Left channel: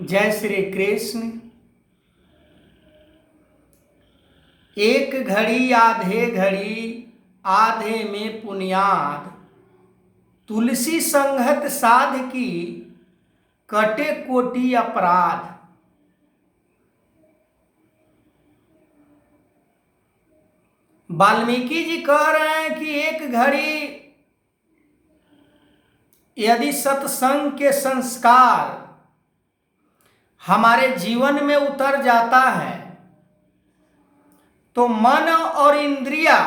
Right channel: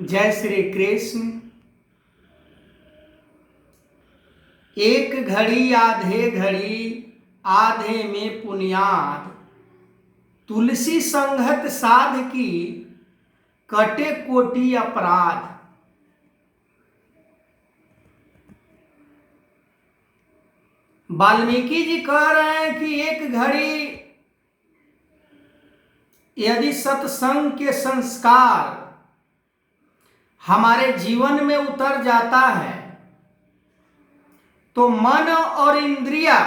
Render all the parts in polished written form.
जय श्री कृष्ण। एक घड़ी आधे घड़ी आधे में पुनियाद, तुलसी संगत साध की कटे कोटि अपराध। वाल्मीकि जी कह रहे हैं कि एक घड़ी यदि सत्संग के संस्कार हमारे जीवन में उतर जाता है तो मन और इंद्रिया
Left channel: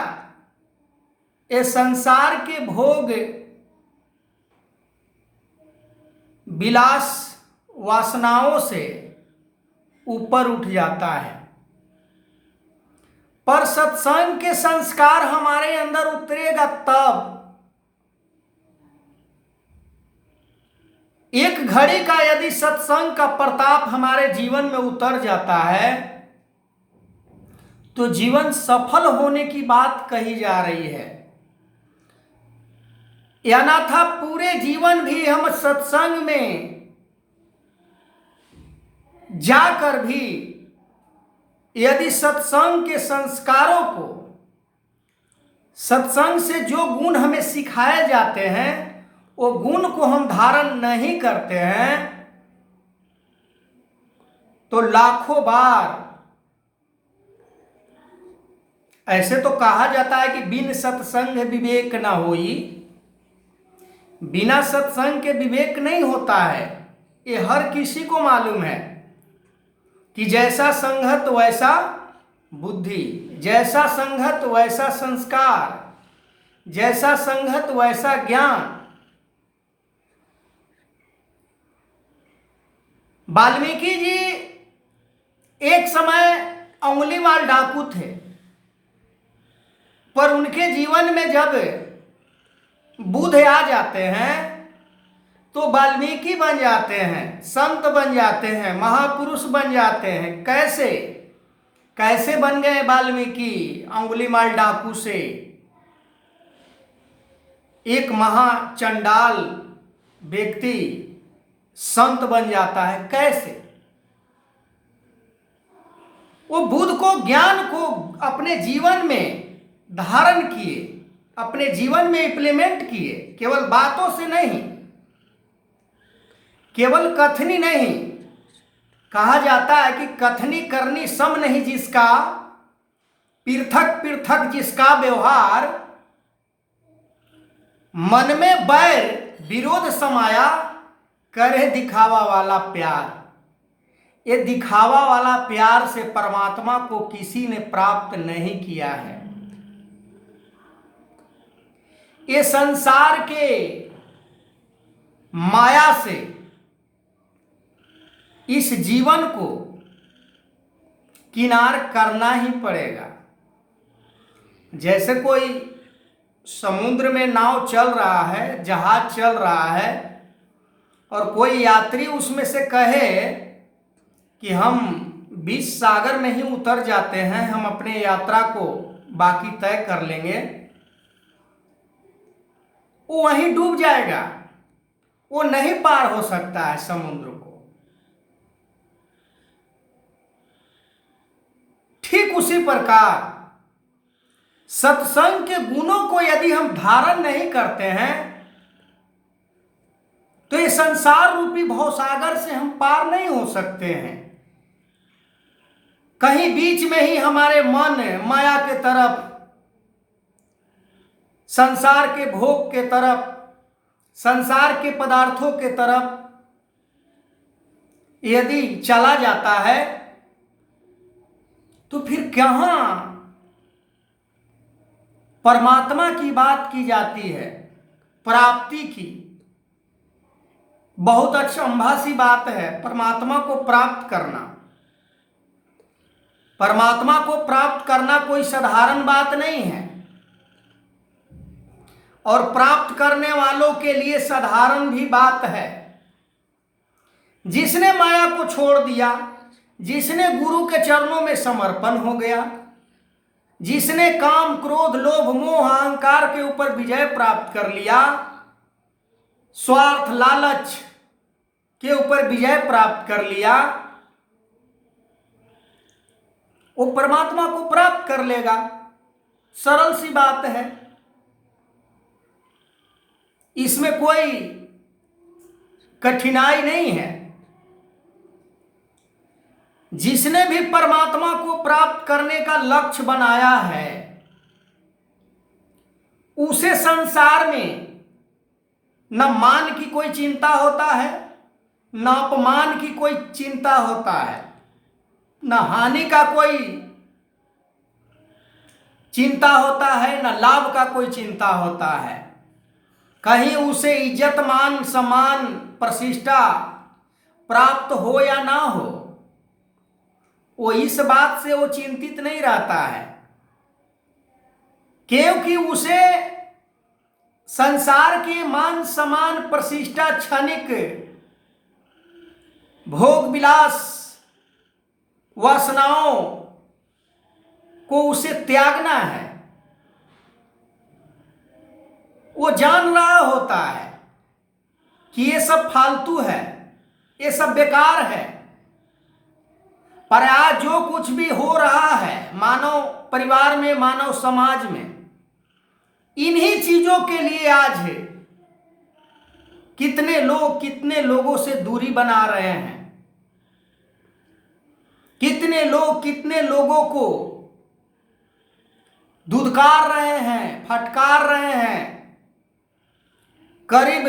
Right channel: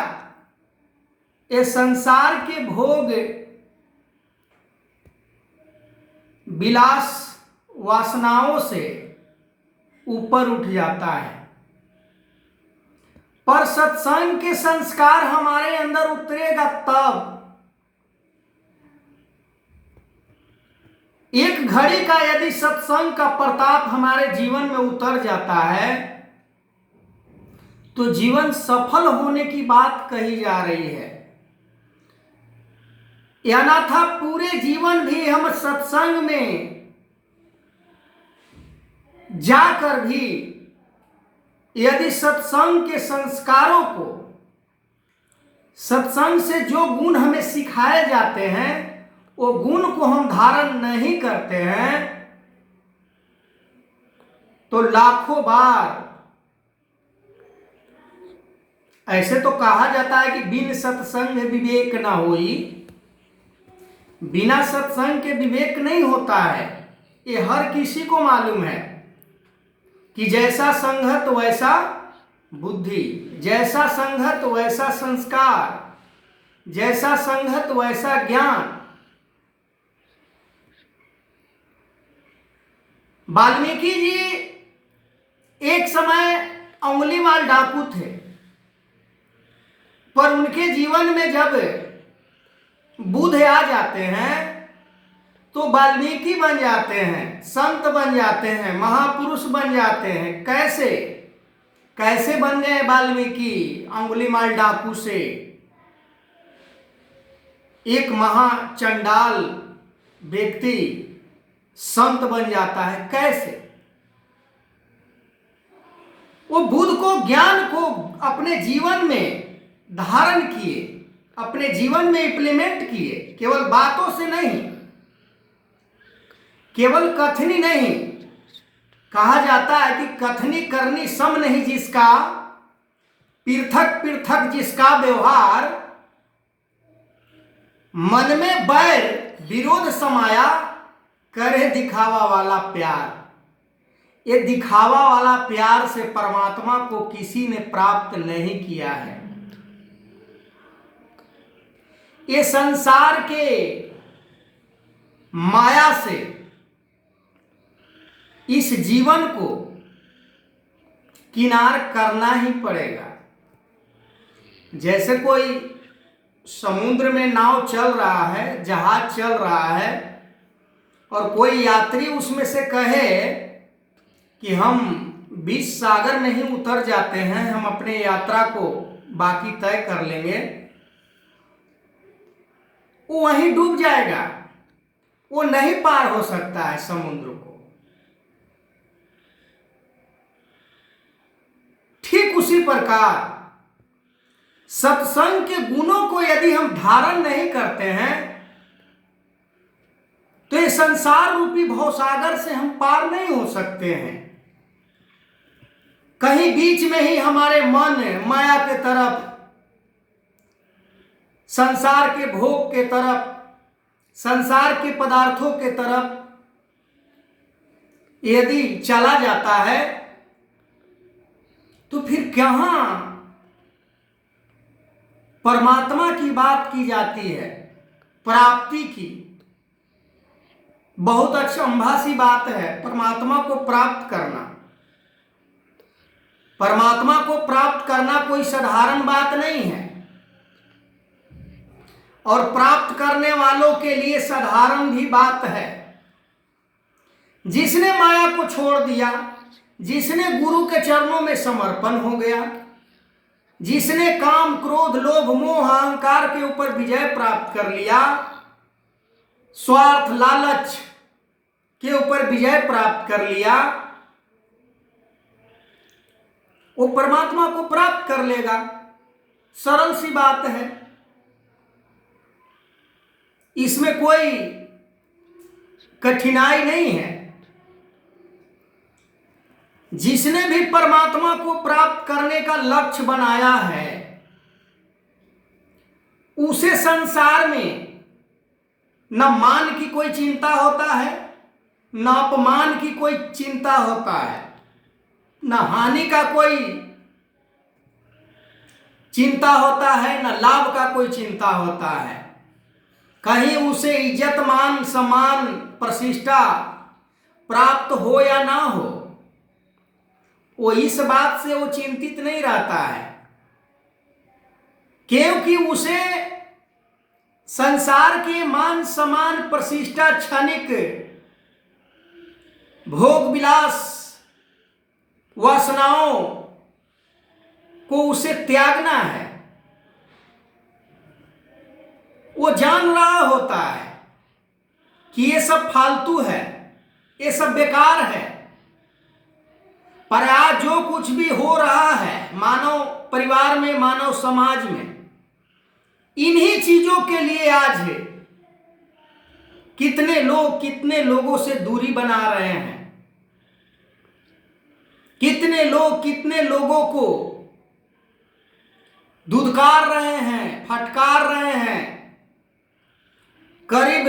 ये संसार के भोग विलास वासनाओं से ऊपर उठ जाता है। पर सत्संग के संस्कार हमारे अंदर उतरेगा तब। एक घड़ी का यदि सत्संग का प्रताप हमारे जीवन में उतर जाता है तो जीवन सफल होने की बात कही जा रही है। या था पूरे जीवन भी हम सत्संग में जाकर भी यदि सत्संग के संस्कारों को, सत्संग से जो गुण हमें सिखाए जाते हैं वो गुण को हम धारण नहीं करते हैं तो लाखों बार, ऐसे तो कहा जाता है कि बिन सत्संग विवेक ना होई। बिना सत्संग के विवेक नहीं होता है, ये हर किसी को मालूम है कि जैसा संगत वैसा बुद्धि, जैसा संगत वैसा संस्कार, जैसा संगत वैसा ज्ञान। वाल्मीकि जी एक समय अंगुलीमाल डाकू थे, पर उनके जीवन में जब बुध आ जाते हैं तो वाल्मीकि बन जाते हैं, संत बन जाते हैं, महापुरुष बन जाते हैं। कैसे कैसे बन गए वाल्मीकि? अंगुलीमाल डाकू से एक महाचंडाल व्यक्ति संत बन जाता है। कैसे? वो बुद्ध को, ज्ञान को अपने जीवन में धारण किए, अपने जीवन में इंप्लीमेंट किए। केवल बातों से नहीं, केवल कथनी नहीं। कहा जाता है कि कथनी करनी सम नहीं जिसका, पृथक पृथक जिसका व्यवहार, मन में बैर विरोध समाया, करे दिखावा वाला प्यार। ये दिखावा वाला प्यार से परमात्मा को किसी ने प्राप्त नहीं किया है। ये संसार के माया से इस जीवन को किनार करना ही पड़ेगा। जैसे कोई समुद्र में नाव चल रहा है, जहाज चल रहा है, और कोई यात्री उसमें से कहे कि हम बीच सागर में ही उतर जाते हैं, हम अपने यात्रा को बाकी तय कर लेंगे, वो वहीं डूब जाएगा। वो नहीं पार हो सकता है समुद्र को। ठीक उसी प्रकार सत्संग के गुणों को यदि हम धारण नहीं करते हैं तो ये संसार रूपी भवसागर से हम पार नहीं हो सकते हैं। कहीं बीच में ही हमारे मन माया के तरफ, संसार के भोग के तरफ, संसार के पदार्थों के तरफ यदि चला जाता है तो फिर कहां परमात्मा की बात की जाती है, प्राप्ति की। बहुत अचंभासी बात है परमात्मा को प्राप्त करना। परमात्मा को प्राप्त करना कोई साधारण बात नहीं है, और प्राप्त करने वालों के लिए साधारण भी बात है। जिसने माया को छोड़ दिया, जिसने गुरु के चरणों में समर्पण हो गया, जिसने काम क्रोध लोभ मोह अहंकार के ऊपर विजय प्राप्त कर लिया, स्वार्थ लालच के ऊपर विजय प्राप्त कर लिया, वो परमात्मा को प्राप्त कर लेगा। सरल सी बात है, इसमें कोई कठिनाई नहीं है। जिसने भी परमात्मा को प्राप्त करने का लक्ष्य बनाया है, उसे संसार में न मान की कोई चिंता होता है, न अपमान की कोई चिंता होता है, न हानि का कोई चिंता होता है, न लाभ का कोई चिंता होता है। कहीं उसे इज्जत मान सम्मान प्रतिष्ठा प्राप्त हो या ना हो, वो इस बात से वो चिंतित नहीं रहता है, क्योंकि उसे संसार के मान सम्मान प्रतिष्ठा क्षणिक भोग विलास वासनाओं को उसे त्यागना है। वो जान रहा होता है कि ये सब फालतू है, ये सब बेकार है। पर आज जो कुछ भी हो रहा है मानव परिवार में, मानव समाज में, इन्हीं चीजों के लिए आज है कितने लोगों से दूरी बना रहे हैं, कितने लोगों को धुतकार रहे हैं, फटकार रहे हैं, करीब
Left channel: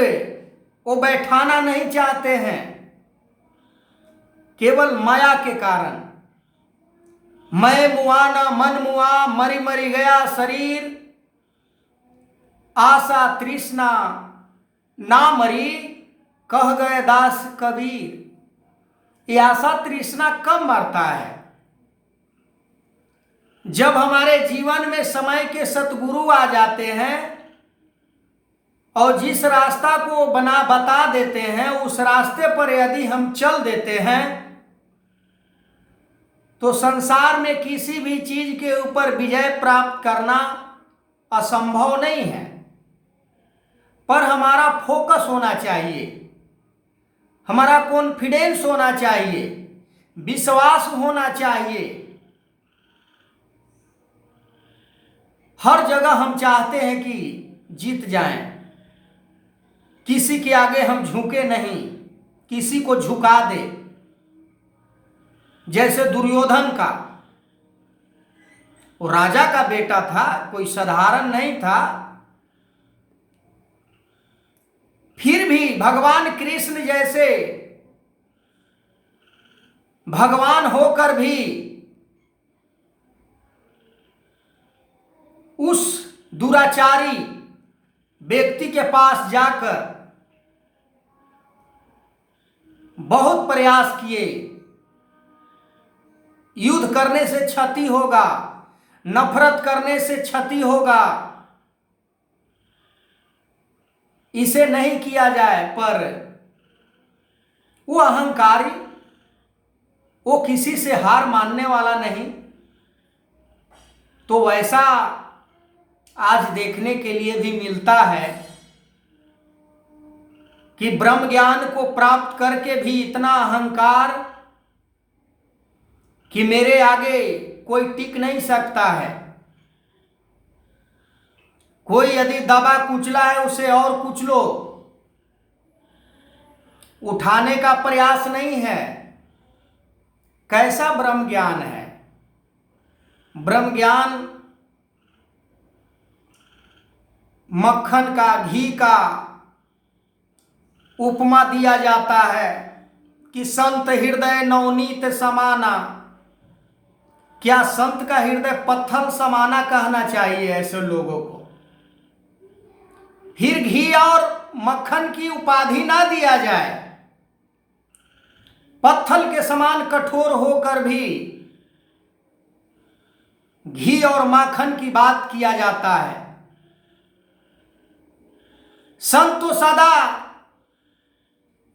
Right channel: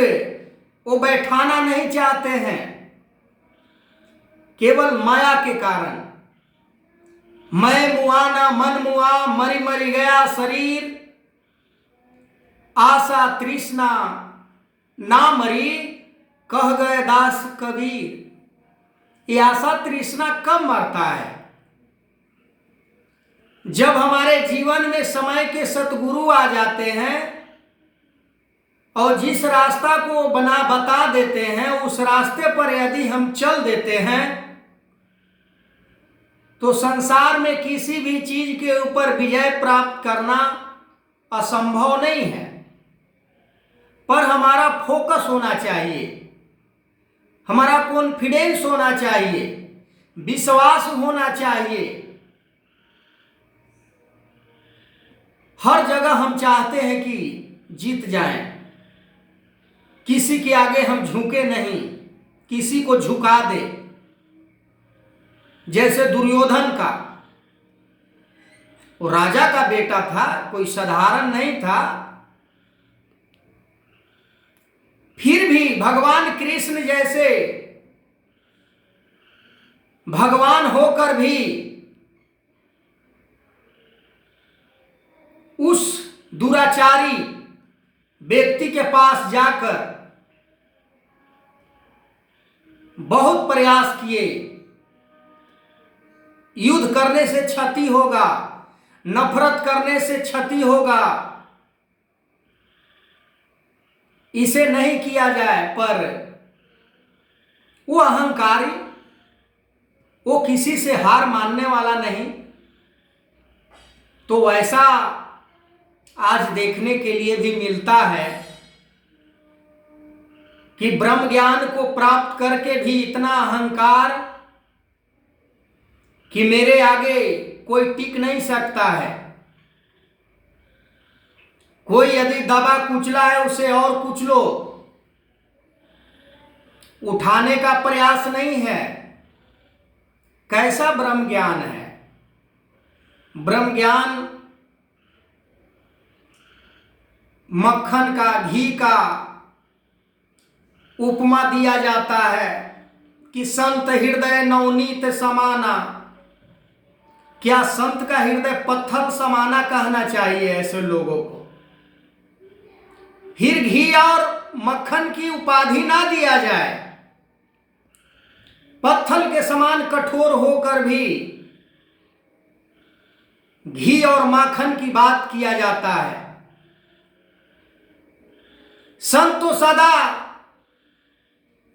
वो बैठाना नहीं चाहते हैं, केवल माया के कारण। मैं मुआ ना मन मुआ, मरी मरी गया शरीर, आशा तृष्णा ना मरी, कह गए दास कबीर। ये आशा तृष्णा कब मरता है? जब हमारे जीवन में समय के सतगुरु आ जाते हैं और जिस रास्ता को बता देते हैं, उस रास्ते पर यदि हम चल देते हैं तो संसार में किसी भी चीज के ऊपर विजय प्राप्त करना असंभव नहीं है। पर हमारा फोकस होना चाहिए, हमारा कॉन्फिडेंस होना चाहिए, विश्वास होना चाहिए। हर जगह हम चाहते हैं कि जीत जाएं, किसी के आगे हम झुके नहीं, किसी को झुका दे। जैसे दुर्योधन का, वो राजा का बेटा था, कोई साधारण नहीं था, फिर भी भगवान कृष्ण जैसे भगवान होकर भी उस दुराचारी व्यक्ति के पास जाकर बहुत प्रयास किए। युद्ध करने से क्षति होगा, नफरत करने से क्षति होगा, इसे नहीं किया जाए। पर वो अहंकारी, वो किसी से हार मानने वाला नहीं। तो वैसा आज देखने के लिए भी मिलता है कि ब्रह्म ज्ञान को प्राप्त करके भी इतना अहंकार कि मेरे आगे कोई टिक नहीं सकता है। कोई यदि दबा कुचला है, उसे और कुचलो, उठाने का प्रयास नहीं है। कैसा ब्रह्म ज्ञान है? ब्रह्म ज्ञान मक्खन का, घी का उपमा दिया जाता है कि संत हृदय नवनीत समाना। क्या संत का हृदय पत्थर समाना कहना चाहिए ऐसे लोगों को? फिर घी और मक्खन की उपाधि ना दिया जाए। पत्थर के समान कठोर होकर भी घी और माखन की बात किया जाता है। संत तो सदा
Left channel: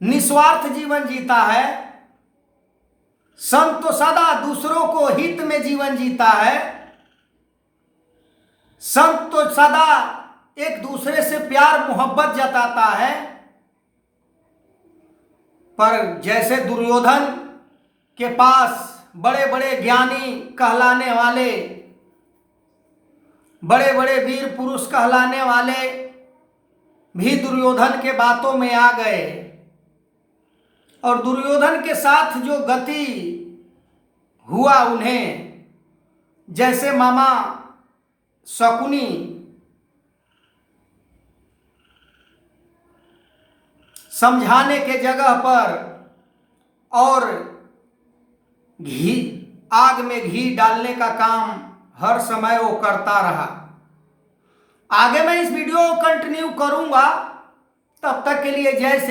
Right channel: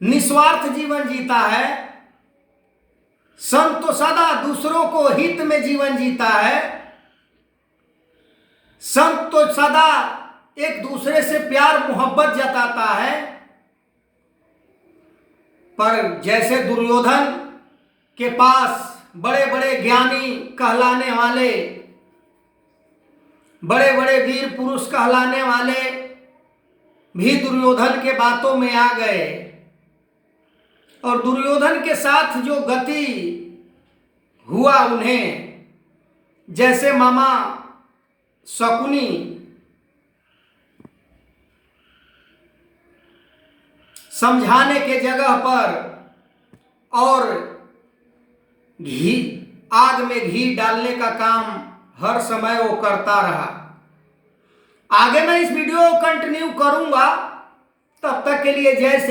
निस्वार्थ जीवन जीता है, संत तो सदा दूसरों को हित में जीवन जीता है, संत तो सदा एक दूसरे से प्यार मोहब्बत जताता है। पर जैसे दुर्योधन के पास बड़े बड़े ज्ञानी कहलाने वाले, बड़े बड़े वीर पुरुष कहलाने वाले भी दुर्योधन के बातों में आ गए और दुर्योधन के साथ जो गति हुआ उन्हें, जैसे मामा शकुनी समझाने के जगह पर और घी, आग में घी डालने का काम हर समय वो करता रहा। आगे मैं इस वीडियो को कंटिन्यू करूंगा, तब तक के लिए जय श्री